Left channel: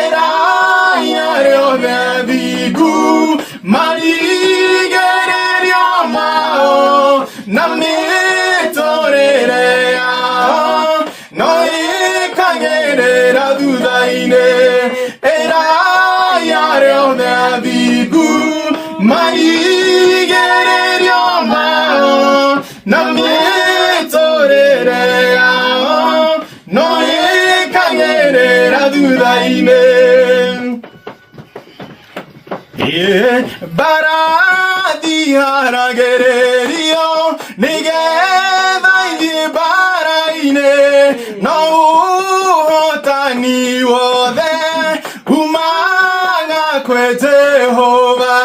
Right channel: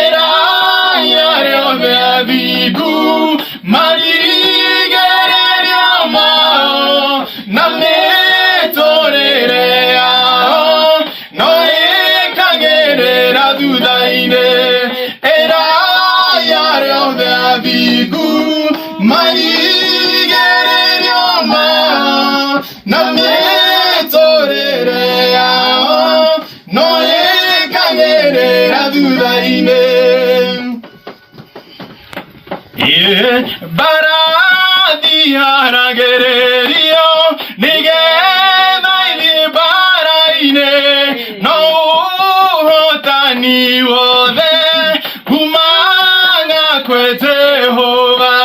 era yare obebigu marigereria mao name torerea no ekagerera dudaine era yare obebigu marigereria mao name torerea no ekagerera dudaine baradi haragererio nigedai baraine no hotani wode humanga kwete hova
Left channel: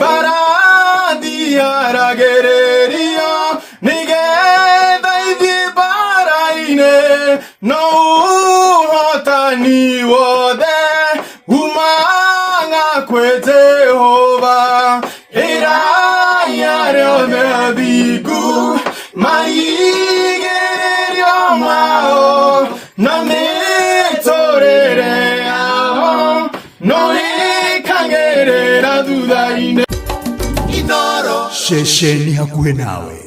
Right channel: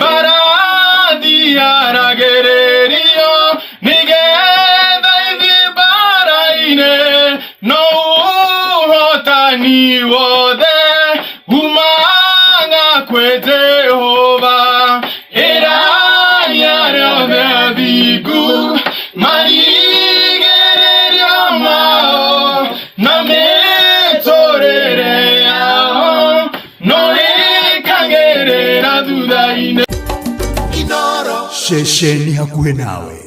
baradi haragererio nigedai baraine no hotani wode humanga kwete hova era yare obebigu marigererio mao name torerea no ekagerera dudaine Shesheni hakuhe nawe.